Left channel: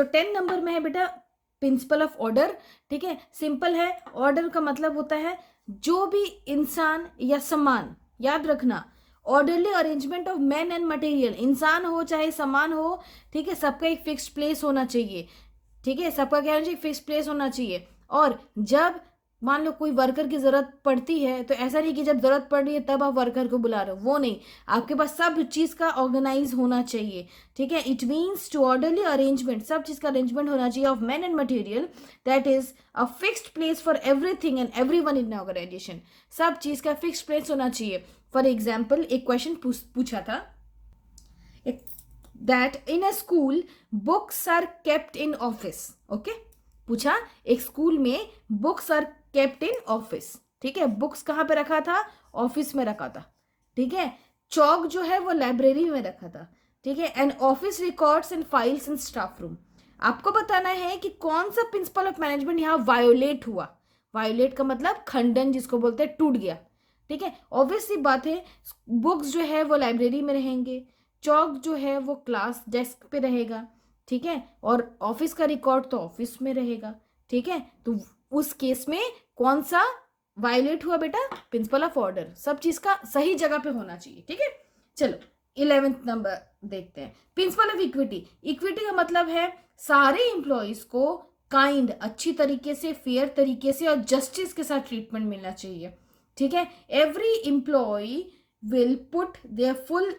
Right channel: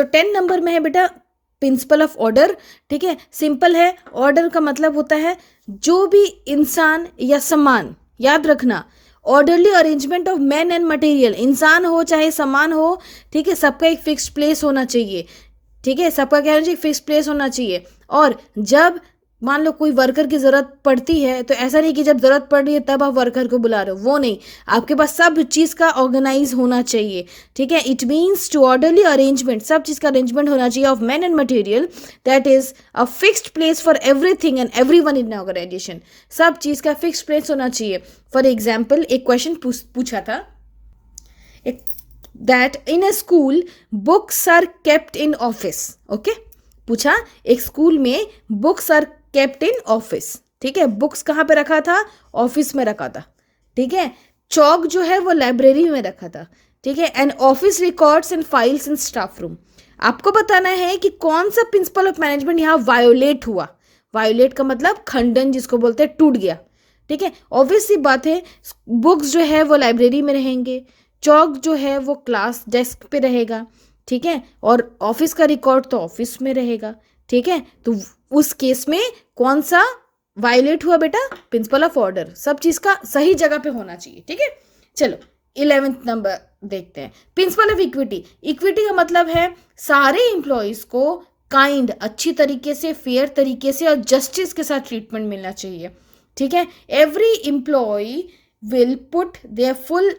सो 10 number में है बेटा प्रिंसिपल ऑफ ऑर्डर। ठीक है, सिंपल है, ऑर्डर का मतलब होता है जो भी इंसान या सामान, याद रखना, orderly arrangement of man and material, इंसान हो चाहे सामान हो, ठीक है, सबका एक फिक्स प्लेस होना चाहिए। ठीक है, सबका क्या होना चाहिए, फिक्स प्लेस होना चाहिए। और जब मान लो कोई वर्कर की जरूरत पड़ती है तो ऐसा नहीं कि जब जरूरत पड़ रही है तब आप वर्कर को बुला रहे हो, वो नहीं, आपके पास सब चीज़ का ऑर्गेनाइज होना चाहिए। ठीक है, it means to orderly arrangement, सब चीज़ का अरेंजमेंट होना चाहिए of man and material, that is a fixed place for everything and everyone in organisation, सब चीज़ का फिक्स्ड प्लेस होना चाहिए। फॉर एग्जाम्पल एक क्वेश्चन पूछा था, एक that in a school books are kept in office, okay, पूछा एक स्कूल में books are kept in office. ठीक है, बुक्स कहाँ पे रखा था, ऑफिस में रखा था। ठीक है, चौक जो है वो लाइब्रेरी में रखा था। ठीक है, and office records and files in staff room. आपको बताना है कि कौन सा प्रिंसिपल ऑफ मैनेजमेंट यहाँ वायोलेट हुआ। वायोलेट का मतलब खंडन, जिसको बोलते हैं टूट गया। ठीक है, ऑब्वियस सी बात है, बुक्स जो है वो लाइब्रेरी में रहेंगे, चौक जो है वो क्लास डेस्क पे रहेगा। ठीक है, और ऑफिस का रिकॉर्ड तो ऑफिस में रहेगा। ठीक है, तो उस केस में कौन सा वायलेट हुआ बेटा, प्रिंसिपल ऑफ ऑर्डर, सब चीज का सही जगह पे होना चाहिए। ठीक है, चलो 11th नंबर देखते हैं, प्रिंसिपल ऑफ इक्विटी। इक्विटी का मतलब है सारे एम्प्लॉयज को काइंड, अच्छी तरीके से, फेयर तरीके से और जस्टिस के साथ ट्रीटमेंट मिलना चाहिए। ठीक है, every employ will put their full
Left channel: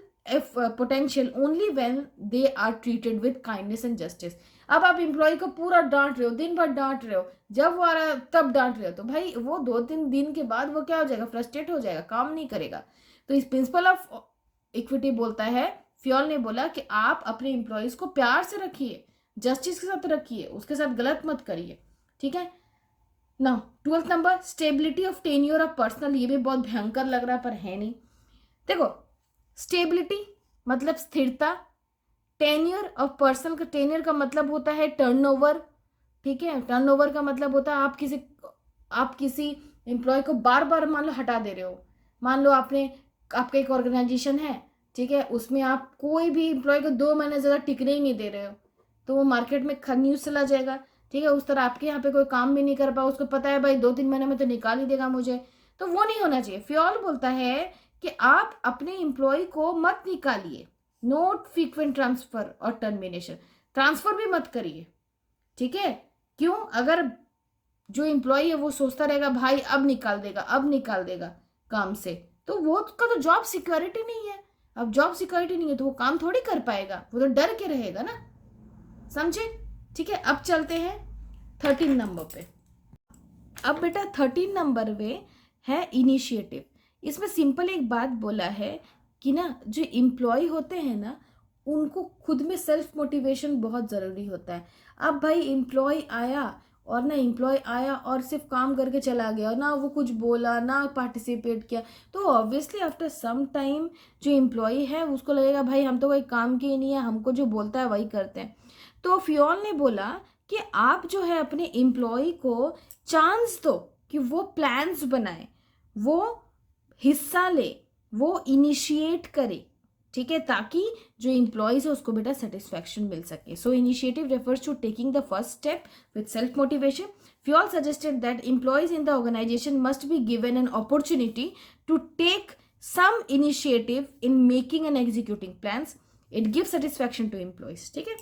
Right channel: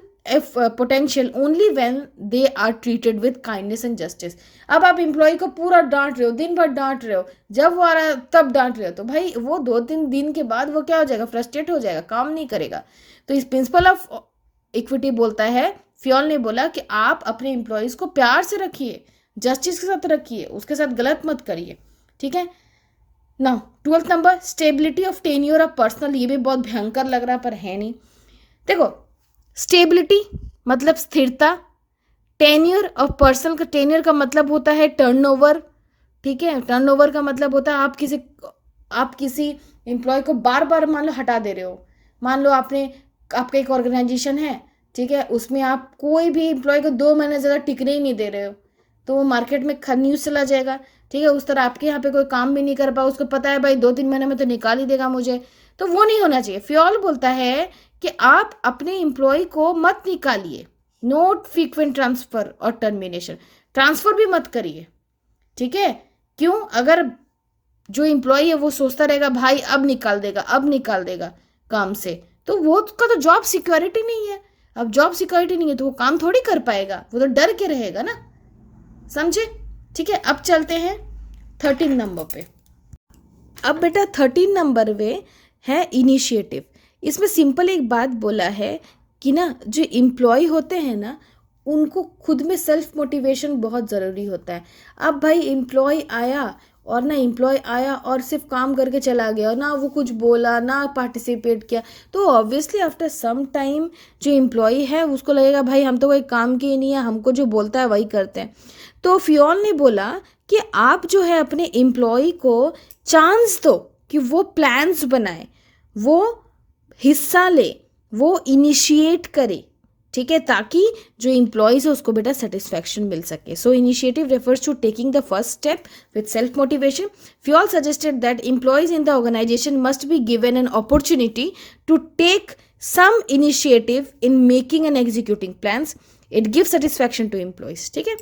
potential only when they are treated with kindness and justice. अब आप एम्प्लॉय को पूरा डांट रहे हो, दिन भर डांट रहे हो, जब वो आ रहा है तब डांट रहे हो, तो भाई वो 2-3 दिन के बाद वो क्या हो जाएगा, फ्रस्ट्रेट हो जाएगा, काम नहीं करेगा। तो इस प्रिंसिपल ऑफ इक्विटी बोलता है, फ्योल ने बोला कि आप अपने एम्प्लॉयज को प्यार से रखिए, जस्टिस के साथ रखिए, उसके साथ गलत मत करिए। ठीक है, now 12th number stability of tenure of personal. ये भी बहुत भयंकर लग रहा है पर है नहीं। देखो, स्टेबिलिटी मतलब स्थिरता, टेन्योर ऑफ पर्सन का, टेन्योर का मतलब होता है टर्नओवर। ठीक है, टर्नओवर का मतलब होता है आप किसी एम्प्लॉय को बार बार मान लो हटा दे रहे हो। मान लो आपका एक ऑर्गेनाइजेशन है, ठीक है, उसमें आप कोई भी एम्प्लॉय को 2 महीने ज़्यादा टिकने ही नहीं दे रहे हो, तो वो मार्केट में न्यूज़ चला जाएगा। ठीक है, उस तरह आपके यहाँ पे कोई काम भी नहीं कर पाओ, उसको पता है भाई 2-3 महीने में तो निकाल ही देगा मुझे, तो वो नहीं होना चाहिए। फ्योल बोलता है कि आप अपने एम्प्लॉय को मत निकालिए, नोट फ्रीक्वेंट ट्रांसफर और टर्मिनेशन, ट्रांसफर भी मत करिए। ठीक है, क्यों, अगर जो एम्प्लॉय है वो सोचता रहेगा भाई अब निकाल देगा, अब निकाल देगा काम से, तो वो उसका तो जॉब सिक्योरिटी नहीं है। अब जॉब सिक्योरिटी नहीं है तो वो काम थोड़ी कर पाएगा, वो तो डर के रहेगा ना, समझे। ठीक है, अब चलते हैं 13 नंबर पे। अब बेटा 13 नंबर में है इनिशिएटिव। इसमें सिंपल एक बात बोला है कि ना जो एम्प्लॉय होते हैं ना, उनको खुद में सेल्फ मोटिवेशन बहुत ज़रूरी होता है। अब भाई एम्प्लॉय आया और सिर्फ काम करके चला गया, ना वो कुछ बोला, ना पार्टिसिपेट किया, तो ऑब्वियसली आफ्टर सम टाइम जो एम्प्लॉय है उसको लगेगा भाई हम तो कोई काम के ही नहीं है, हमको जो बोलता है वही करते हैं। तो फ्योल ने बोला कि आप जो है अपने एम्प्लॉय को चांस दो कि वो प्लान्स बनाए, वो हिस्सा ले, वो इनिशिएट करे। ठीक है, ताकि जो एम्प्लॉयज है उसको बेटा सेटिस्फैक्शन मिल सके। So initiative refers to taking the first step with self motivation. Fayol suggested that employees in the organisation must be given an opportunity to take some initiative in making and executing plans. It gives satisfaction to employees. ठीक है,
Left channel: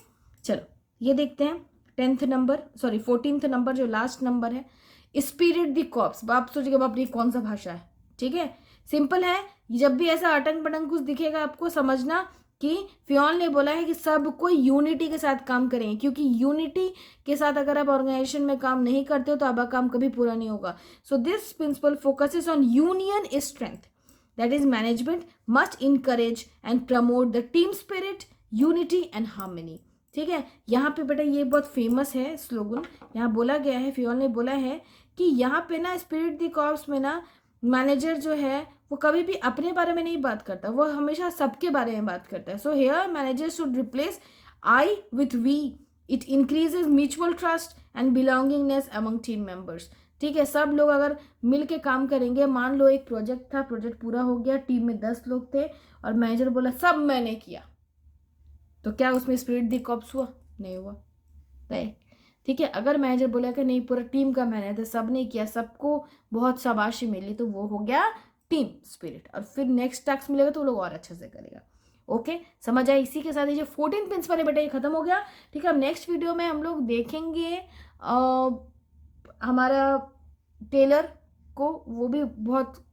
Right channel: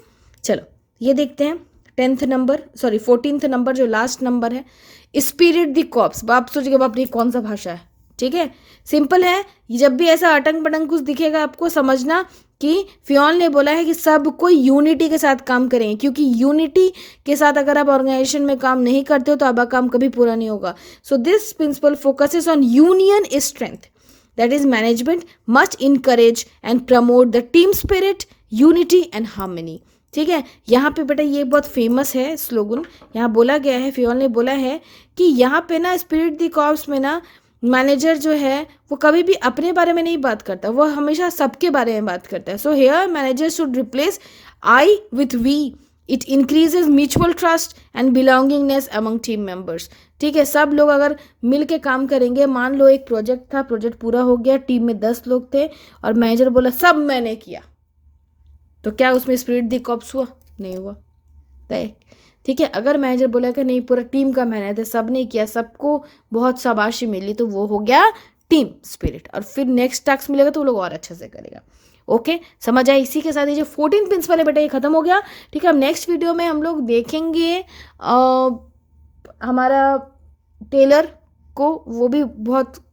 चलो ये देखते हैं 14th number जो last number है, spirit the corps. बाप सोचिएगा बाप ये कौन सा भाषा है। ठीक है, सिंपल है, जब भी ऐसा अटंग पटंग कुछ दिखेगा आपको समझना कि फ्योल ने बोला है कि सब कोई यूनिटी के साथ काम करें, क्योंकि यूनिटी के साथ अगर आप ऑर्गेनाइजेशन में काम नहीं करते हो तो आपका काम कभी पूरा नहीं होगा। So this principle focuses on union strength, that is management must encourage and promote the team spirit, unity and harmony. ठीक है, यहाँ पे बेटा ये बहुत फेमस है स्लोगन, यहाँ बोला गया है, फ्योल ने बोला है कि यहाँ पे ना स्पिरिट द कॉर्प्स में ना मैनेजर जो है वो कभी भी अपने बारे में नहीं बात करता, वो हमेशा सबके बारे में बात करता है। So HR manager should replace I with we, it increases mutual trust and belongingness among team members. ठीक है, सब लोग अगर मिल के काम करेंगे, मान लो एक प्रोजेक्ट था, प्रोजेक्ट पूरा हो गया, टीम में 10 लोग थे और मैनेजर बोला सब मैंने किया, तो क्या उसमें स्पिरिट द कॉर्प्स हुआ? नहीं हुआ। है, ठीक है। अगर मैनेजर बोला कि नहीं पूरा टीम का मेहनत है, सब ने किया, सबको बहुत शाबाशी मिली, तो वो हो गया टीम स्पिरिट, और फिर नेक्स्ट टास्क मिलेगा तो वो लोग और अच्छे से करेगा। ओके, समझ आए। इसी के साथ ये जो 14 प्रिंसिपल है बेटा ये खत्म हो गया, ठीक है। अब नेक्स्ट वीडियो में हम लोग देखेंगे हमारा टेलर को, वो भी बहुत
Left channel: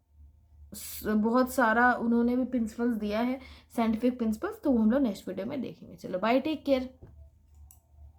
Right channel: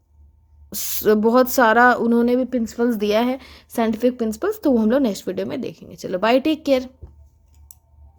बहुत सारा उन्होंने भी प्रिंसिपल्स दिया है, साइंटिफिक प्रिंसिपल्स, तो वो हम लोग नेक्स्ट वीडियो में देखेंगे। चलो बाय, टेक केयर।